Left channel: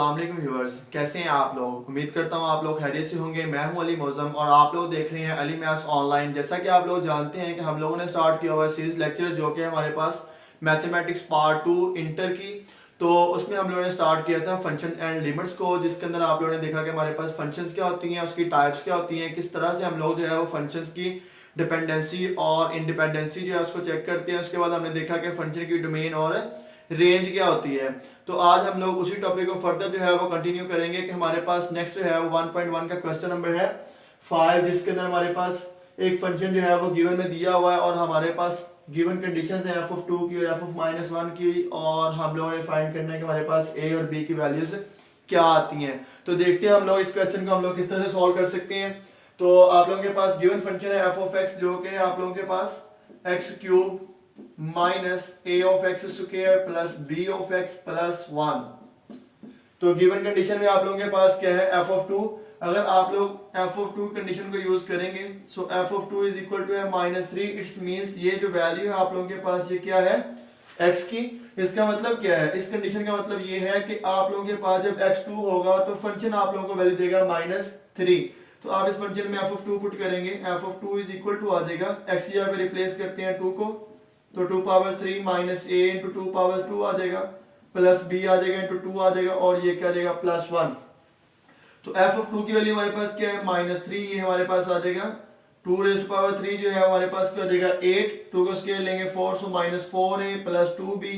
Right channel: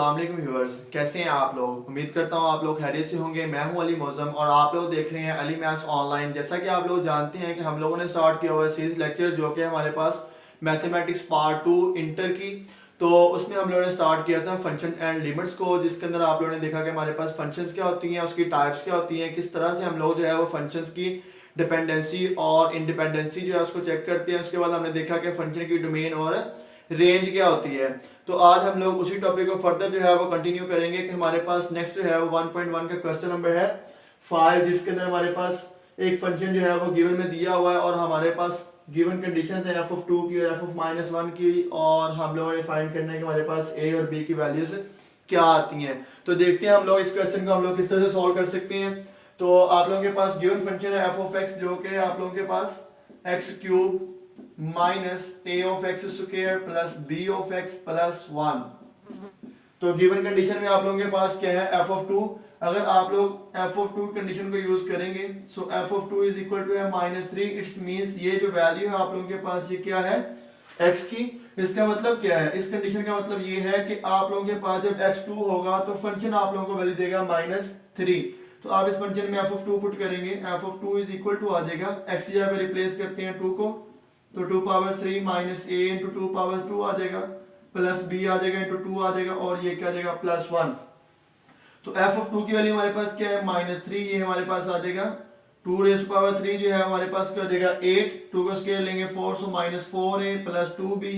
अस्सलाम वालेकुम व्यूअर्स, कैसे हैं आप लोग। उम्मीद करता हूँ आप लोग खैरियत से होंगे। मैं हूं अली मौज़म और आप लोग देख रहे हैं अली मैथ्स ऑनलाइन। जैसा कि आप लोग जानते हैं कि हम लोगों ने स्टार्ट किया हुआ है सीरीज लेक्चर जो कि हमारे पास मैथमेटिक्स पार्ट 2 इंटर की। तो उसमें हम लोगों ने स्टार्ट किया था फंक्शन एंड लिमिट्स को, जिसके अंदर आप लोगों ने देखा कि हमारे पास फंक्शंस क्या होती हैं, उसकी टाइप्स क्या होती हैं, किस तरह से हम लोग जो है वो फंक्शंस की डिपेंडेंसी और इंडिपेंडेंसी जो है उसको चेक करते हैं। उसके बाद हमने देखा कि फंक्शन की डोमेन और रेंज क्या होती है। तो आज हम लोग उसी टॉपिक को फर्दर जो है वो कंटिन्यू करेंगे कि हमारे पास नेक्स्ट जो है वो 1.1 का क्वेश्चन नंबर है 5, जिसके अंदर हमारे पास एक फंक्शन जो है वो गिवन में दिया हुआ है और हमारे पास गिवन कंडीशंस है एफ ऑफ 2 की और एफ ऑफ -1 की, और हम लोगों ने फाइंड करना है कि हमारे पास ए और बी की वैल्यूज क्या आती हैं। तो देखते हैं हम लोग इस क्वेश्चन को हम लोग किस तरह से सॉल्व कर सकते हैं। तो आप लोगों के पास गिवन फंक्शन है एफ ऑफ एक्स, जो कि आप लोगों के पास x cube minus a of x square plus b of x plus 1। तो गिवन कंडीशन में आप लोगों के पास क्या है एफ ऑफ 2। अगर आप लोग एफ ऑफ 2 कंडीशन को यूज करेंगे so f of 2 is equal to है -3। इट्स मींस ये जो वैल्यू है आप लोगों के पास ये क्या है x की। इसका मतलब क्या है, इस कंडीशन का मतलब ये है कि आप लोगों के पास जब x2 होगा तो फंक्शन आप लोगों को वैल्यू देगा -3। तो आप इस फंक्शन में एफ ऑफ 2 पुट करेंगे, f of 2 is equal to आ जाएगा x यहाँ पे रिप्लेस करते हैं 2 को, तो 2 power 3 minus a into 2 power 2 आ जाएगा, प्लस b आ जाएगा इंटू 2 आ जाएगा, और ये क्या आ जाएगा +1। तो f ऑफ 2 की वैल्यू हमारे पास क्या है -3, ये हमारे पास आ जाएगा 2 रेज़ टू पावर 3 जो है हमारे पास क्या हो जाएगा 8, 2 का स्क्वायर लेंगे 4, सो -4a प्लस 2b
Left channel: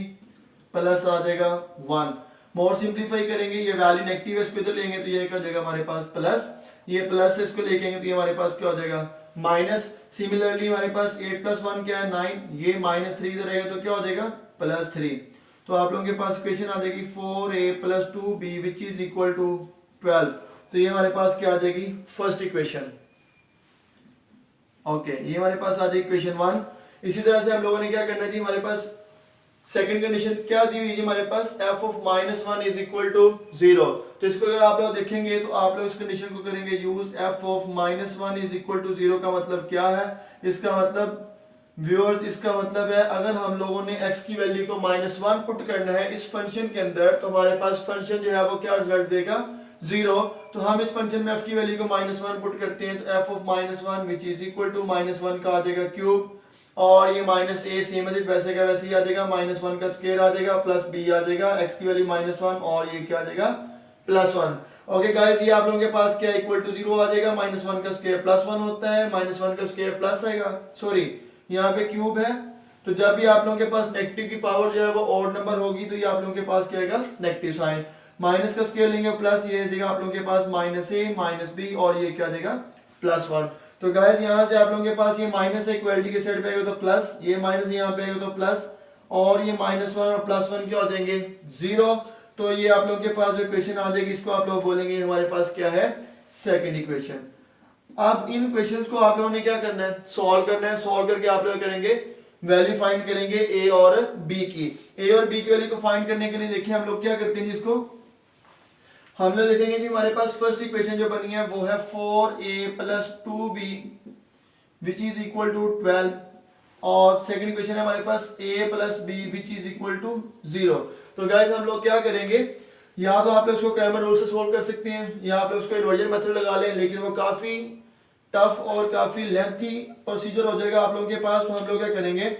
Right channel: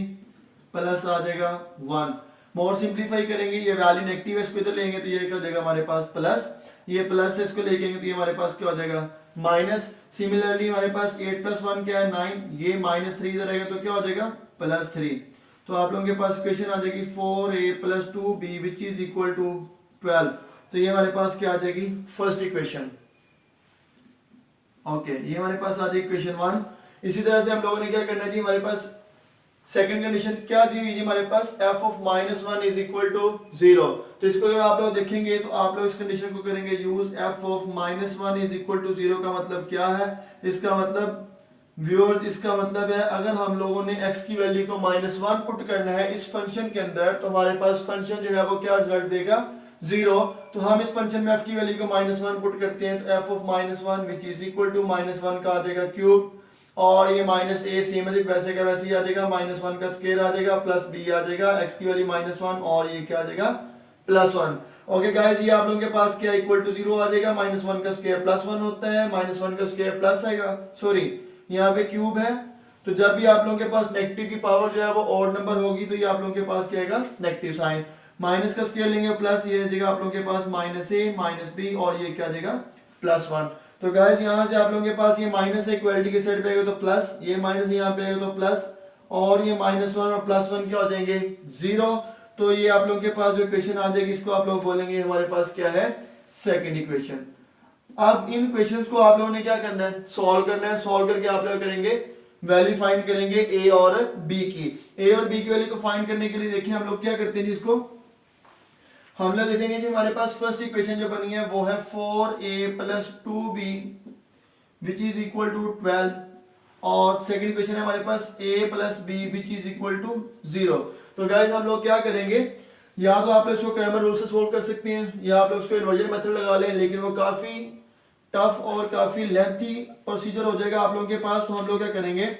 प्लस आ जाएगा 1। मोर सिंप्लीफाई करेंगे, ये वैल्यू नेगेटिव है, इसको इधर लेंगे तो ये क्या हो जाएगा हमारे पास प्लस, ये प्लस से इसको लेके तो ये हमारे पास क्या हो जाएगा माइनस। सिमिलरली हमारे पास 8 प्लस 1 क्या है 9, ये -3 इधर आएगा तो क्या हो जाएगा +3। तो आप लोगों के पास इक्वेशन आ जाएगी 4a plus 2b which is equal to 12। तो ये हमारे पास क्या आ जाएगी फर्स्ट इक्वेशन। ओके, ये हमारे पास आ जाएगी इक्वेशन 1। इसी तरह से हम लोगों ने क्या करना है जी, हमारे पास सेकंड कंडीशन क्या दी हुई है हमारे पास f of -1 is equal to 0। तो इसको अगर आप लोग देखेंगे तो आप लोग इस कंडीशन को करेंगे use, f of -1 is equal to 0 का मतलब क्या है, इसका मतलब व्यूअर्स इसका मतलब है अगर हम लोगों ने x की वैल्यू को -1 पुट करना है इस फंक्शन के अंदर तो हमारे पास फंक्शन जो है वो क्या रिजल्ट देगा 0। तो हम इस फंक्शन में f की वैल्यू को -1 पुट करते हैं तो f of -1 which is equal to -1 का आ जाएगा क्यूब, और ये माइनस ए सेम है वैसे का वैसे ही आ जाएगा, -1 का स्क्वायर आ जाएगा प्लस b आ जाएगा, x की वैल्यू -1 और ये क्या आ जाएगा +1। ओके गाइस, ये आप लोगों के पास क्या इक्वल टू 0 आ जाएगा, -1 का स्क्वायर +1 होता है, -1 का स्क्वायर प्लस आएगा, सॉरी यहाँ पे क्यूब है। तो जब भी आप लोगों के पास नेगेटिव की पावर जो है वो ऑड नंबर होगी तो ये आप लोगों के पास क्या आएगा नेगेटिव साइन, माइनस का स्क्वायर लेंगे प्लस, ये जगह आप लोगों के पास -a -b और ये क्या आ जाएगा +1। तो गाइस यहाँ से आप लोगों के पास ये माइनस इक्वलिटी के साइड पे आएगा तो प्लस, ये माइनस यहाँ पे आएगा तो प्लस, और ये -1 और +1 क्या हो जाएंगे 0। तो ये आप लोगों के पास जो इक्वेशन आ जाएगी इसको आप लोग बोलेंगे हमारे पास क्या है सेकंड इक्वेशन। अब इन क्वेश्चंस को आप लोगों ने क्या करना है सॉल्व करना है, सॉल्व करके आप लोग करेंगे वैल्यू फाइंड करेंगे ए और बी की। ए और बी की वैल्यू को फाइंड करने के लिए देखिए हम लोग क्या करते हैं जिसको हम लोग देखेंगे जी, हमारे पास फर्स्ट इक्वेशन जो बनी है वो है 4a plus 2b which is equal to 12, और सेकंड इक्वेशन है हमारे पास a plus b which is equal to 0। तो गाइस हम लोग क्या करेंगे, या तो आप लोग इसको क्रैमर रूल से सोल्व कर सकते हैं या आप लोग उसको इन्वर्जन मेथड लगा लें, लेकिन वो काफी टफ और काफी लेंथी प्रोसीजर हो जाएगा आप लोगों के पास। तो हम लोग क्या करेंगे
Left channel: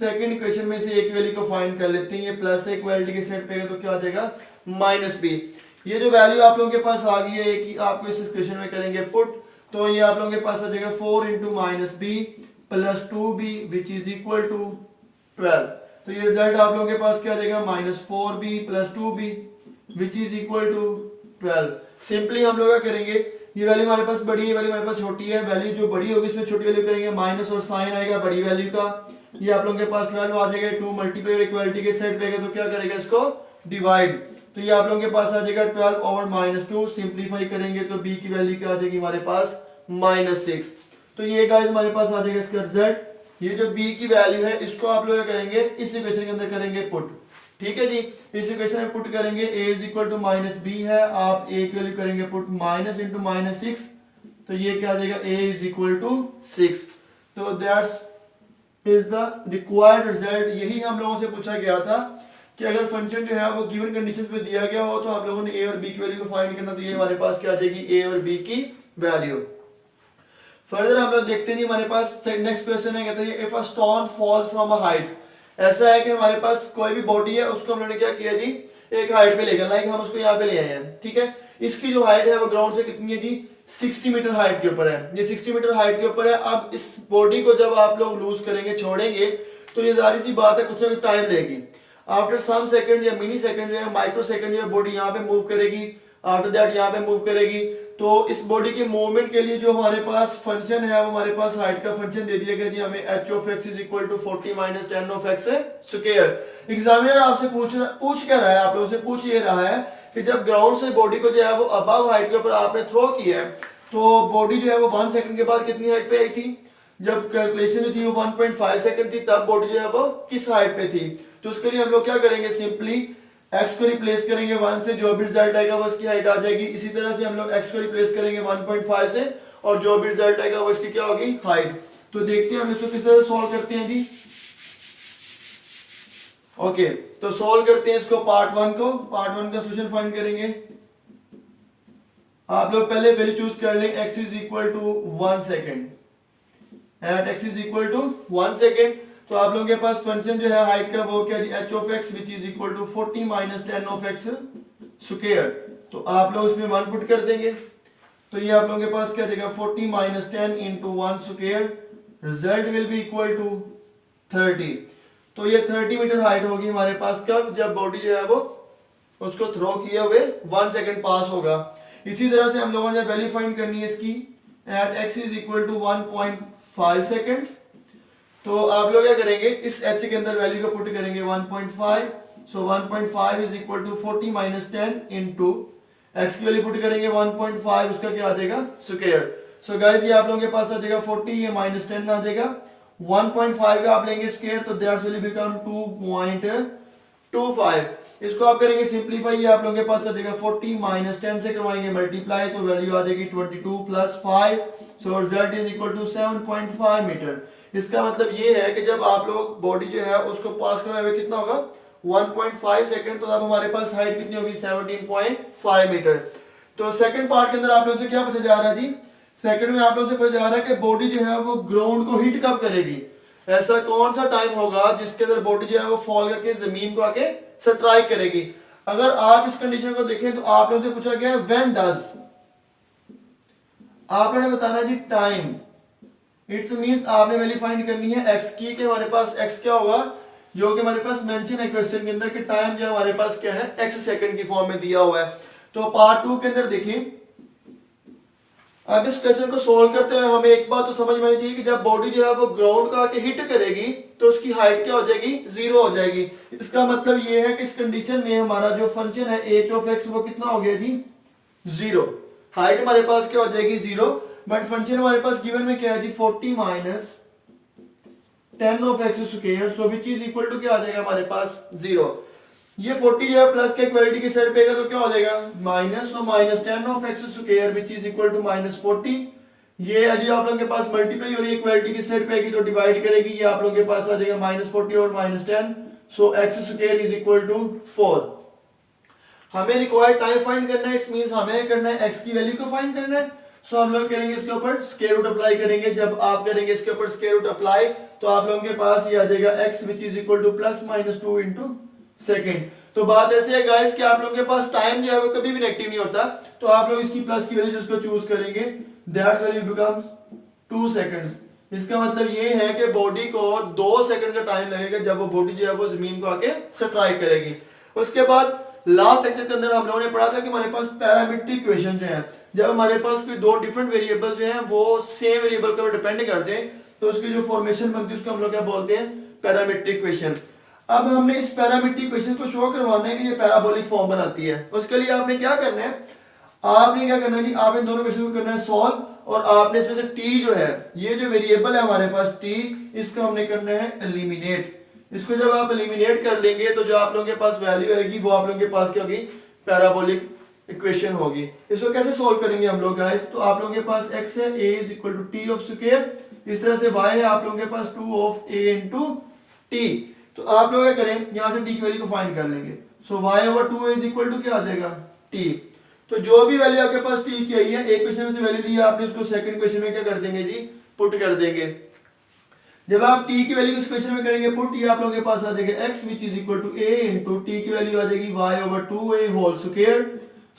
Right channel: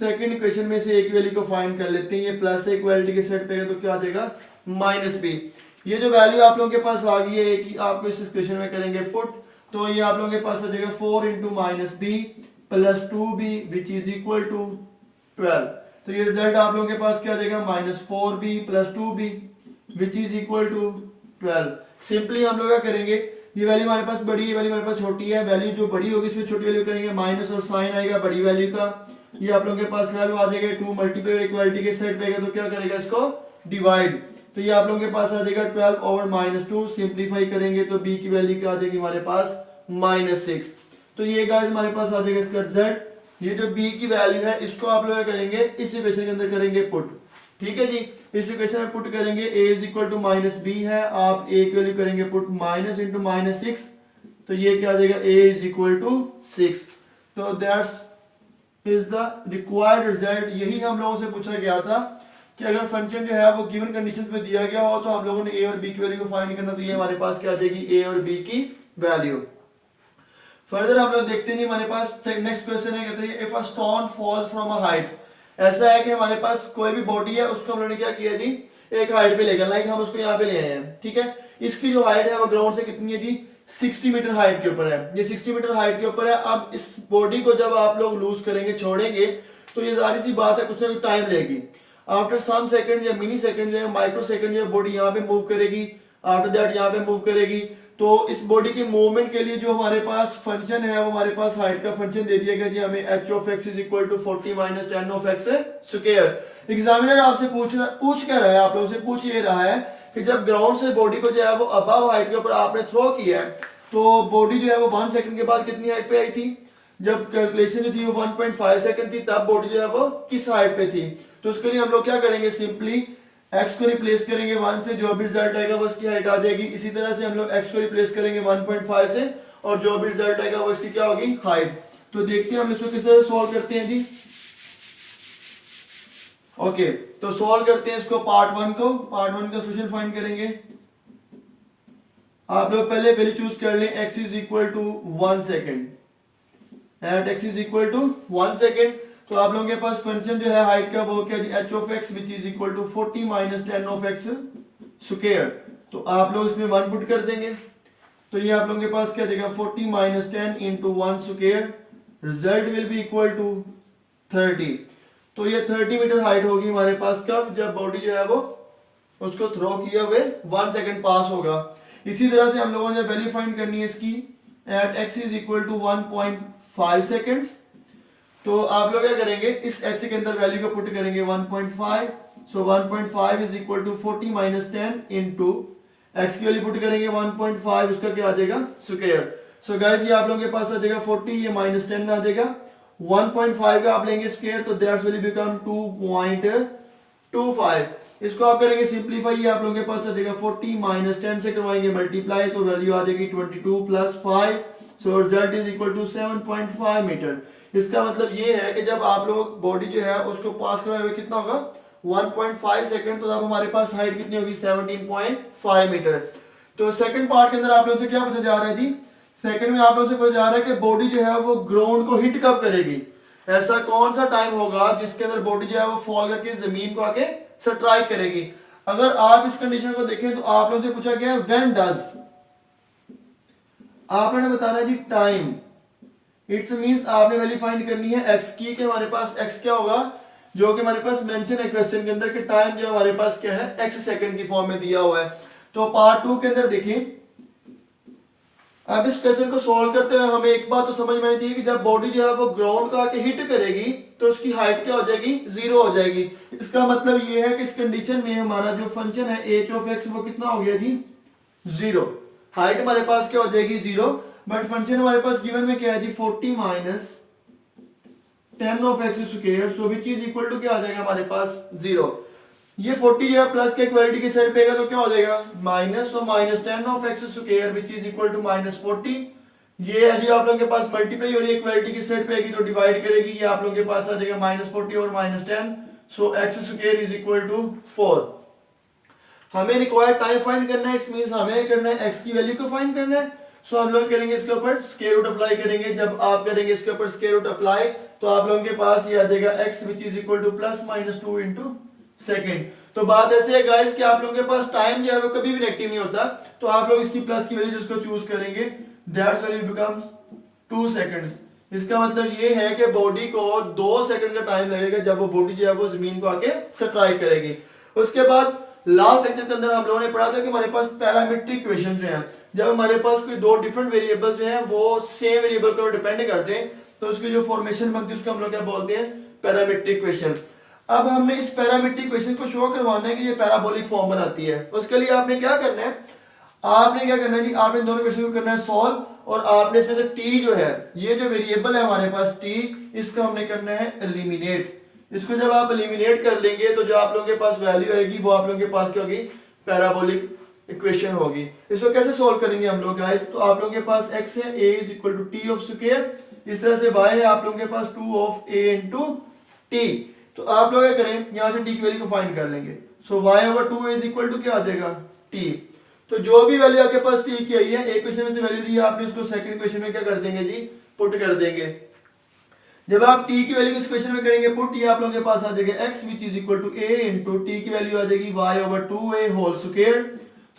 सेकंड इक्वेशन में से एक वैल्यू को फाइंड कर लेते हैं, ये प्लस से इक्वलिटी के सेट पे तो क्या आ जाएगा -b। ये जो वैल्यू आप लोगों के पास आ गई है कि आपको इस इक्वेशन में करेंगे पुट, तो ये आप लोगों के पास आ जाएगा 4 into -b plus 2b which is equal to 12। तो ये रिजल्ट आप लोगों के पास क्या आ जाएगा -4b plus 2b which is equal to 12। Simply हम लोग क्या करेंगे, ये वैल्यू हमारे पास बड़ी है, वैल्यू हमारे पास छोटी है, वैल्यू जो बड़ी होगी इसमें छोटी वैल्यू करेंगे माइनस और साइन आएगा बड़ी वैल्यू का, ये आप लोगों के पास 12 आ जाएगा, 2 मल्टीप्लाई इक्वलिटी के सेट पे तो क्या करेगा इसको डिवाइड, तो ये आप लोगों के पास आ जाएगा 12 ओवर -2। सिंप्लीफाई करेंगे तो b की वैल्यू क्या आ जाएगी हमारे पास -6। तो ये गाइस हमारे पास आ जाएगा इसका रिजल्ट। ये जो b की वैल्यू है इसको आप लोग करेंगे इस इक्वेशन के अंदर करेंगे पुट, ठीक है जी। इस इक्वेशन में पुट करेंगे a is equal to -b है, आप a की वैल्यू करेंगे पुट माइनस इंटू -6, तो ये क्या आ जाएगा a इज इक्वल टू 6। तो that's is the required result. यही हम लोगों से पूछा गया था कि अगर फंक्शन जो है वो गिवन कंडीशंस पे दिया गया हो तो हम लोगों ने ए और बी की वैल्यू को फाइंड करना, तो ये हमारे पास क्या आ जाएगी, ए और बी की वैल्यू। फर्दर हम लोग देखते हैं हमारे पास नेक्स्ट क्वेश्चन है, कहते हैं if a stone falls from a height. ऐसा है कि हमारे पास कोई भी बॉडी है उसको हम लोगों ने क्या किया जी, एक हाइट पे लेकर, लाइक हम उसको यहाँ पे ले आए हैं, ठीक है। इसकी जो हाइट है वो ग्राउंड से कितनी है जी, 60 मीटर हाइट के ऊपर है, ये 60 मीटर हाइट के ऊपर है। अब इस बॉडी को जब आप लोग लूज करेंगे, छोड़ेंगे, तो ये जाहिर सी बात है कुछ ना कुछ टाइम लेगी। आफ्टर सम सेकंड या मिनी सेकंड या माइक्रो सेकंड या बॉडी यहाँ पे मूव करेगी, आफ्टर दैट यहाँ पे मूव करेगी। तो इस बॉडी की मूवमेंट के लिए जो हमारे पास फंक्शन है वो हमारे पास हाइट का फंक्शन दे दिया गया जी हमें, h of x is equal to 40 minus 10 of x square. Examiner आपसे पूछ क्या रहा है, आप लोगों से पूछ ये रहा है कि जब ग्राउंड से बॉडी को जो है वो अबव हाइट के ऊपर आपने थ्रो किया है, तो बॉडी जो है वो 1 सेकंड के बाद कितनी हाइट पे आई थी। जब कैलकुलेशन जो थी वो 1.5 सेकंड थी, तब बॉडी जो है वो किस हाइट पे थी। तो उसके लिए हम लोग क्या करेंगे, सिंपली x को रिप्लेस करेंगे 1 से, जो भी रिजल्ट आएगा वो उसकी हाइट आ जाएगी। इसी तरह से हम लोग x को रिप्लेस करेंगे 1.5 से, और जो भी रिजल्ट आएगा वो इसकी क्या होगी, हाइट। तो देखते हैं हम इसको किस तरह सॉल्व करते हैं जी। ओके, तो सॉल्व करते हैं इसको पार्ट 1 को। पार्ट 1 का सॉल्यूशन फाइंड करेंगे। आप लोग पहले वैल्यू चूज कर लें, x is equal to 1 second, at x is equal to 1 second. तो आप लोगों के पास फंक्शन जो है हाइट का वो क्या है, h of x which is equal to 40 minus 10 of x square. तो आप लोग इसमें 1 पुट कर देंगे, तो ये आप लोगों के पास क्या देगा, 40 minus 10 into 1 square, result will be equal to 30। तो ये 30 मीटर हाइट होगी हमारे पास कब, जब बॉडी जो है वो उसको थ्रो किए हुए 1 सेकेंड पास होगा। इसी तरह से हम लोगों ने वैल्यू फाइंड करनी है इसकी, at x is equal to 1.5 seconds. तो आप लोग क्या करेंगे, इस h के अंदर वैल्यू को पुट करेंगे 1.5। So 1.5 is equal to 40 minus 10 into x की वैल्यू पुट करेंगे 1.5, उसका क्या आ जाएगा, स्क्वायर। सो गाइस ये आप लोगों के पास आ जाएगा 40, ये माइनस 10 आ जाएगा, 1.5 का आप लेंगे स्क्वायर, तो दैट्स विल बिकम 2.25। इसको आप करेंगे सिंप्लीफाई, ये आप लोगों के पास आ जाएगा 40 माइनस 10 से करवाएंगे मल्टीप्लाई, तो वैल्यू आ जाएगी 22 plus 5। So result is equal to 7.5 metre. इसका मतलब ये है कि जब आप लोग बॉडी जो है उसको पास करवाए हुए कितना होगा, 1.5 सेकंड, तो अब हमारे पास हाइट कितनी होगी, 17.5 मीटर। तो सेकंड पार्ट के अंदर आप लोगों से क्या पूछा जा रहा है जी, सेकंड में आप लोगों से पूछा जा रहा है कि बॉडी जो है वो ग्राउंड को हिट कब करेगी। ऐसा कौन सा टाइम होगा जिसके अंदर बॉडी जो है वो फॉल करके जमीन को आके स्ट्राइक करेगी। अगर आप इस कंडीशन को देखें तो आप लोगों से पूछा गया व्हेन डज, आपने बताना जी टाइम। इट्स मींस आपने वैल्यू फाइंड करनी है x की, कि हमारे पास x क्या होगा, जो कि हमारे पास मेंशन है क्वेश्चन के अंदर कि टाइम जो हमारे पास क्या है, x सेकंड की फॉर्म में दिया हुआ है। तो पार्ट 2 के अंदर देखें, अब इस क्वेश्चन को सोल्व करते हुए हमें एक बात तो समझ में आनी चाहिए कि जब बॉडी जो है वो ग्राउंड को आके हिट करेगी तो उसकी हाइट क्या हो जाएगी, 0 हो जाएगी। इसका मतलब ये है कि इस कंडीशन में हमारा जो फंक्शन है h ऑफ x वो कितना हो गया जी, 0। हाइट हमारे पास क्या हो जाएगी, 0, बट फंक्शन हमारे पास गिवन में क्या है जी, 40 minus 10 of x square, so which is equal to क्या आ जाएगा हमारे पास, 0। ये 40 जो है प्लस के इक्वलिटी की साइड पे तो क्या हो जाएगा, माइनस, तो minus 10 of x square which is equal to minus 40। ये जो आप लोगों के पास मल्टीप्लाई हो रही है इक्वलिटी की साइड पे तो डिवाइड करेगी, ये आप लोगों के पास आ जाएगा माइनस 40 और minus 10, so x square is equal to 4। हमें रिक्वायर्ड टाइम फाइंड करना है, इट्स मींस हमें करना है एक्स की वैल्यू को फाइंड करना है। सो हम लोग करेंगे इसके ऊपर स्क्वायर रूट अप्लाई करेंगे। जब आप करेंगे इसके ऊपर स्क्वायर रूट अप्लाई तो आप लोगों के पास ये आ जाएगा x which is equal two plus minus 2 into second. तो बात ऐसे है गाइस कि आप लोगों के पास टाइम जो है वो कभी भी नेगेटिव नहीं होता, तो आप लोग इसकी प्लस की वैल्यू जिसको चूज करेंगे दैट्स वैल्यू बिकम्स 2 सेकंड्स। इसका मतलब ये है कि बॉडी को 2 सेकंड का टाइम लगेगा जब वो बॉडी जो है वो जमीन को आके स्ट्राइक करेगी। उसके बाद लास्ट लेक्चर के अंदर हम लोगों ने पढ़ा था कि हमारे पास पैरामीट्रिक इक्वेशन जो है, जब हमारे पास कोई दो डिफरेंट वेरिएबल्स जो हैं वो सेम वेरिएबल के ऊपर डिपेंड करते हैं तो उसकी जो फॉर्मेशन बनती है उसको हम लोग क्या बोलते हैं, पैरामीट्रिक इक्वेशन। अब हमने इस पैरामीट्रिक इक्वेशन को शो करवाना है कि ये पैराबोलिक फॉर्म बनाती है। उसके लिए आपने क्या करना है, जी आपने दोनों इक्वेशन को करना है सॉल्व, और आपने इसमें से t जो है, ये जो वेरिएबल है हमारे पास t, इसको हमने करना है एलिमिनेट। इसको जब आप एलिमिनेट कर लेंगे तो जो आप लोगों के पास वैल्यू आएगी वो आप लोगों के पास क्या होगी, पैराबोलिक इक्वेशन होगी। इसको कैसे सॉल्व करेंगे हम लोग गाइस, तो आप लोगों के पास x है a is equal to t of square, इस तरह से y है आप लोगों के पास 2 ऑफ a इंटू t। तो आप लोग क्या करें, यहाँ से टी की वैल्यू को फाइंड कर लेंगे। So y over 2a is equal to क्या आ जाएगा t। तो जो भी वैल्यू आपके पास t की आई है, एक क्वेश्चन में से वैल्यू ली है आपने, उसको सेकंड क्वेश्चन में क्या कर देंगे जी, पुट कर देंगे। जब आप t की वैल्यू इस क्वेश्चन में करेंगे पुट, ये आप लोगों के पास आ जाएगा x which is equal to a into t की वैल्यू आ जाएगी y over 2a whole square.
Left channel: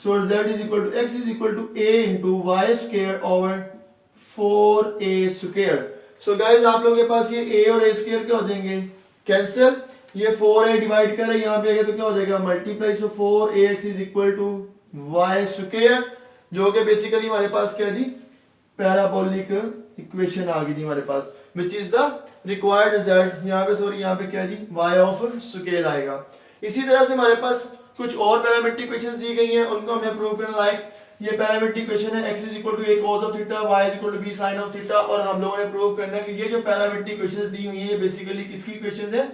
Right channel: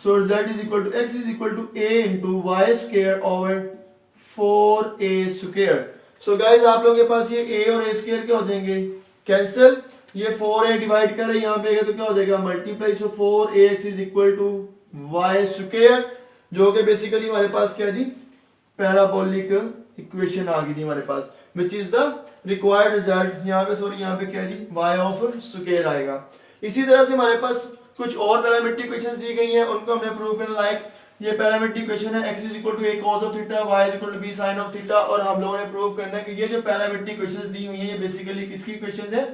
So z is equal to x is equal to a into y square over 4a square. So guys आप लोगों के पास ये a और a square क्या हो जाएंगे, कैंसिल। ये 4a डिवाइड करें यहाँ पे आएगा तो क्या हो जाएगा, multiply. So 4ax is equal to y square, जो कि बेसिकली हमारे पास क्या दी, पैराबोलिक इक्वेशन आ गई थी हमारे पास, which is the required result. यहाँ पे सॉरी यहाँ पे क्या दी, y ऑफ स्क्वायर आएगा। इसी तरह से हमारे पास कुछ और पैरामीट्रिक इक्वेशंस दी गई हैं, उनको हमने प्रूव करना। लाइक ये पैरामीट्रिक इक्वेशन है x is equal to a cos of theta, y is equal to b sin of theta, और हम लोगों ने प्रूव करना है कि ये जो पैरामीट्रिक इक्वेशंस दी हुई हैं ये बेसिकली किसकी इक्वेशंस है,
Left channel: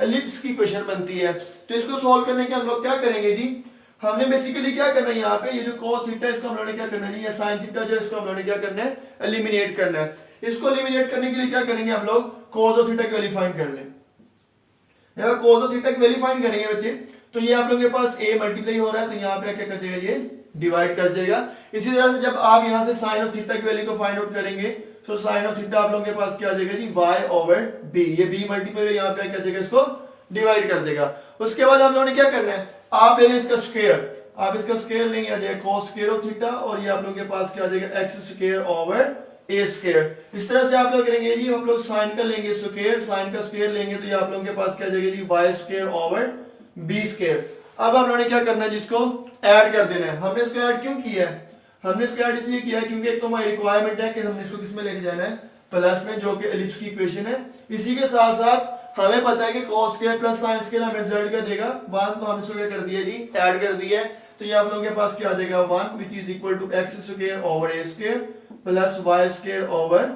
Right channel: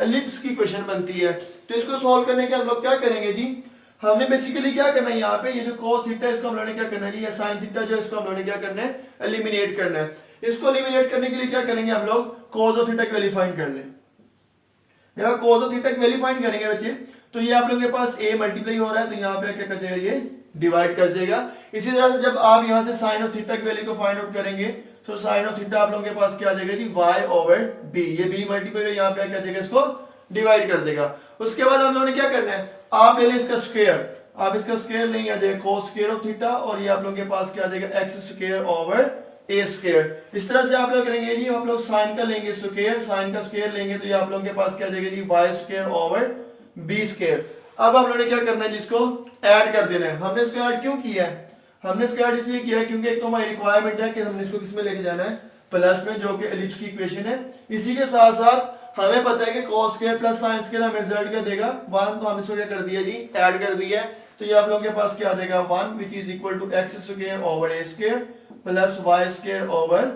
एलिप्स की इक्वेशन बनती है। तो इसको सॉल्व करने के हम लोग क्या करेंगे जी, हमने बेसिकली क्या करना है, यहाँ पे ये जो cos थीटा इसको हम लोगों ने क्या करना है जी, ये sin थीटा जो इसको हम लोगों ने क्या करना है, एलिमिनेट करना है। इसको एलिमिनेट करने के लिए क्या करेंगे हम लोग, cos ऑफ थीटा की वैल्यू फाइंड कर लें। यहाँ cos ऑफ थीटा की वैल्यू फाइंड करेंगे बच्चे, तो ये आप लोगों के पास a मल्टीप्लाई हो रहा है, तो यहाँ पे क्या कर देगा, ये डिवाइड कर देगा। इसी तरह से जब आप यहाँ से sin ऑफ थीटा की वैल्यू को फाइंड आउट करेंगे, तो sin ऑफ थीटा आप लोगों के पास क्या आ जाएगा जी, y ओवर b। ये b मल्टीप्लाई यहाँ पे क्या देगा, इसको डिवाइड कर देगा। उसके बाद हम लोगों ने क्या करना है, आप ले लें इसका स्क्वायर, आप इसका स्क्वायर नहीं आ जाएगा cos स्क्वायर ऑफ थीटा, और ये आप लोगों के पास क्या आ जाएगा, x square over a square. इस तरह से आप लोग करेंगे जी, हम लोग sin का लेंगे स्क्वायर, sin का स्क्वायर लेंगे तो ये आप लोगों के पास क्या आ जाएगा जी, y square over b square. अब हम लोगों ने क्या करना है, जिसको ऐड कर देना है। हमने इसको ऐड क्यों किया है, हमने इसको ऐड इसलिए किया है क्योंकि एक तो हमारी रिक्वायरमेंट है कि हमने इसको किस में लेके जाना है, प्लस में, जो कि एलिप्स की इक्वेशन है। इसी के साथ साथ हमें पता है कि cos square plus sin square हमें रिजल्ट क्या देगा, 1। तो हम इसको क्या कर दिया जी, ऐड कर दिया है। तो ये आप लोगों के पास क्या आ जाएगा, 1 which is equal to x square over a square plus y square over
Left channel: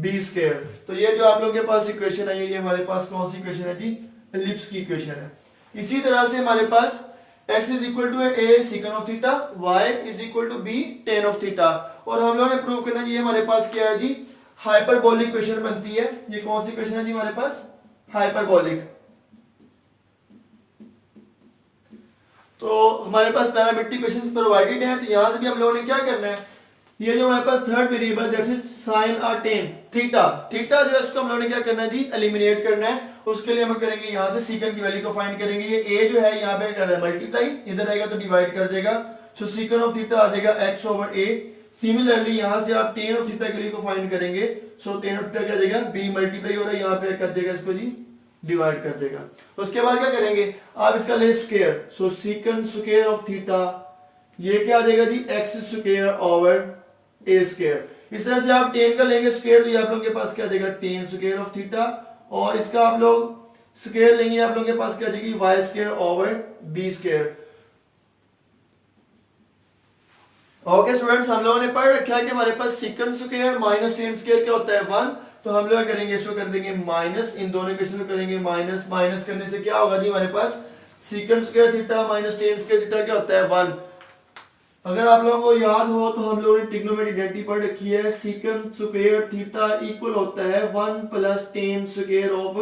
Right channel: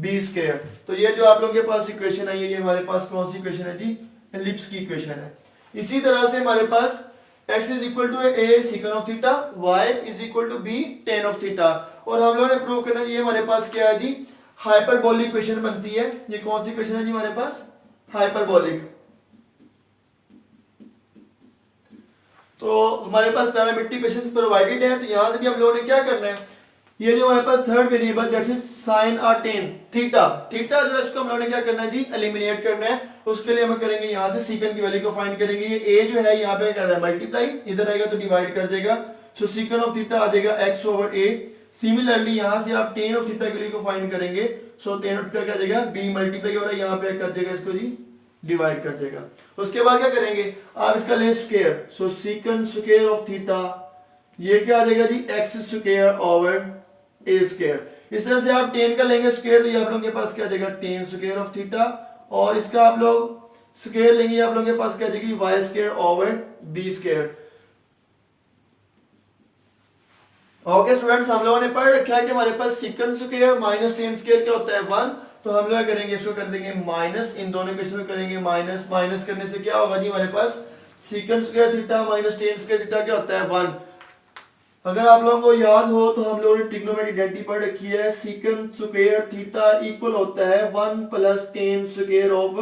b square. तो ये जो आप लोगों के पास इक्वेशन है, ये हमारे पास कौन सी इक्वेशन है जी, एलिप्स की इक्वेशन है। इसी तरह से हमारे पास x is equal to a secant of theta, y is equal to b tan of theta, और हम लोगों ने प्रूव करना जी, हमारे पास क्या है जी, हाइपरबोलिक इक्वेशन बनती है। ये कौन सी इक्वेशन है जी हमारे पास, हाइपरबोलिक। तो हमारे पास पैरामीट्रिक इक्वेशंस प्रोवाइडेड है, तो यहां से भी हम लोगों ने क्या करना है, ये जो हमारे पास third variable that is sin और tan थीटा, थीटा जो है इसको हम लोगों ने क्या करना है जी, एलिमिनेट करना है। उसके लिए हम करेंगे यहाँ से सीकन की वैल्यू को फाइंड करेंगे। ये a जो है यहाँ पे कर रहा है मल्टीप्लाई, इधर आएगा तो डिवाइड कर देगा। सो सीकन ऑफ थीटा आ जाएगा x ओवर a। सिमिलरली यहाँ से आप tan ऑफ थीटा की वैल्यू को फाइंड करेंगे, सो tan ऑफ थीटा क्या जाएगा, b मल्टीप्लाई हो रहा है, यहाँ पे कर देगा इसको जी, डिवाइड कर देगा। उसके बाद क्या करेंगे, आप इसका ले square, so secant square of theta, ये क्या आ जाएगा जी, x square over a square. इस तरह से आप tan का लेंगे स्क्वायर, तो ये आप लोगों के पास क्या आ जाएगा, tan स्क्वायर ऑफ थीटा, और इसका आप लोग स्क्वायर लेंगे, आप लोगों के पास क्या आ जाएगी, y square over b square. Okay students, हम लोगों ने पढ़ रखा है कि हमारे पास secant square minus tan square क्या होता है, 1। तो हम लोग करेंगे, इसको कर देंगे माइनस, इन दोनों इक्वेशन को करेंगे माइनस। माइनस करने से क्या होगा जी, हमारे पास secant square theta minus tan square theta क्या होता है, 1। अगर आप लोगों को याद हो तो हम लोगों ने ट्रिग्नोमेट्रिक आइडेंटिटी पढ़ रखी है, सीकन स्क्वायर थीटा इक्वल होता है 1 plus tan square of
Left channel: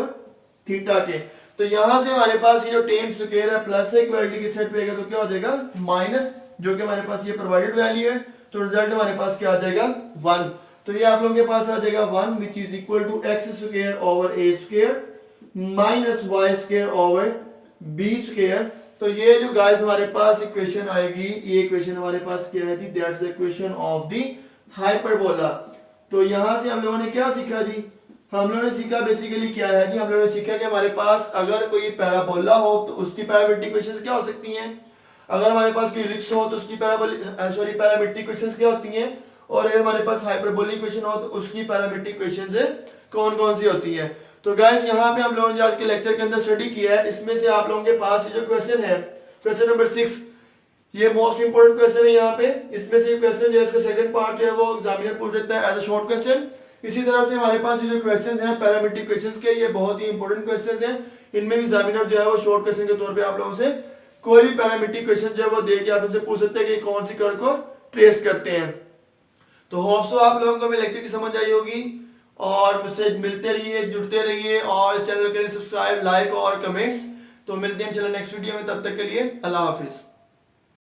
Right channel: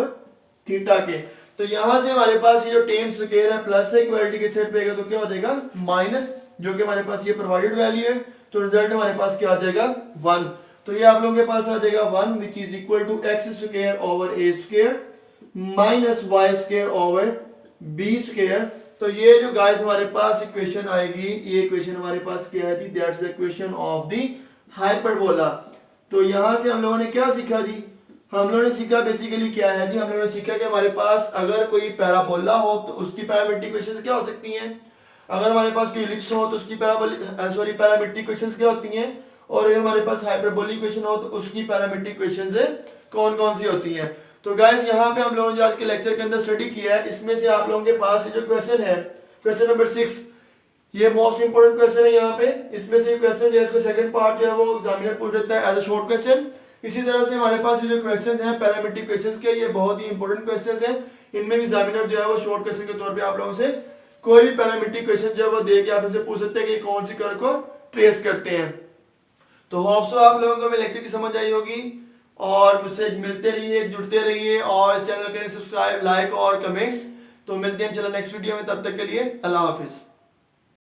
theta के। तो यहां से हमारे पास ये जो tan स्क्वायर है प्लस से इक्वलिटी के सेट पे आएगा तो क्या हो जाएगा, माइनस, जो कि हमारे पास ये प्रोवाइडेड वैल्यू है। तो रिजल्ट हमारे पास क्या आ जाएगा, 1। तो ये आप लोगों के पास आ जाएगा 1 which is equal to x square over a square minus y square over b square. तो ये जो गाइस हमारे पास इक्वेशन आएगी, ये इक्वेशन हमारे पास क्या है जी, that's the equation of the hyperbola. तो यहां से हम लोगों ने क्या सीखा जी, हम लोगों ने सीखा बेसिकली क्या है जी, हम लोगों ने सीखा कि हमारे पास अगर कोई पैराबोला हो तो उसकी पैरामीट्रिक इक्वेशंस क्या हो सकती हैं, अगर हमारे पास कोई एलिप्स हो तो उसकी पैरामीट्रिक इक्वेशंस क्या होती हैं, और अगर हमारे पास हाइपरबोलिक इक्वेशन हो तो उसकी पैरामीट्रिक इक्वेशंस कौन कौन सी होती हैं। तो गाइस यहाँ पे हम लोगों ने आज के लेक्चर के अंदर स्टडी किया है, इसमें से आप लोगों के पास जो क्वेश्चन है, क्वेश्चन नंबर 6, ये मोस्ट इंपोर्टेंट क्वेश्चन है यहाँ पे। इसमें से क्वेश्चन जो है, इसका सेकंड पार्ट जो है वो एग्जामिनर पूछ लेता है एज अ शॉर्ट क्वेश्चन। इसी तरह से हमारे पास ये जो क्वेश्चन हैं पैरामीट्रिक क्वेश्चंस के, ये बहुत ही इंपॉर्टेंट क्वेश्चन हैं। इनमें एग्जामिनर जो है वो शॉर्ट क्वेश्चन के तौर पे आप लोगों से कोई भी पैरामीट्रिक क्वेश्चन जो है वो दे के आप उनसे पूछ सकते हैं कि कौन सी कर्व को ट्रेस करते हैं। तो होप सो आप लोगों को मेरे लेक्चर की समझ आई होगी, और मुझसे मिलते रहिए, जुड़ते रहिए और इस चैनल करें सब्सक्राइब, लाइक और कमेंट्स। तो मिलते हैं इंशाल्लाह नेक्स्ट वीडियो में, तब तक के लिए अल्लाह हाफिज।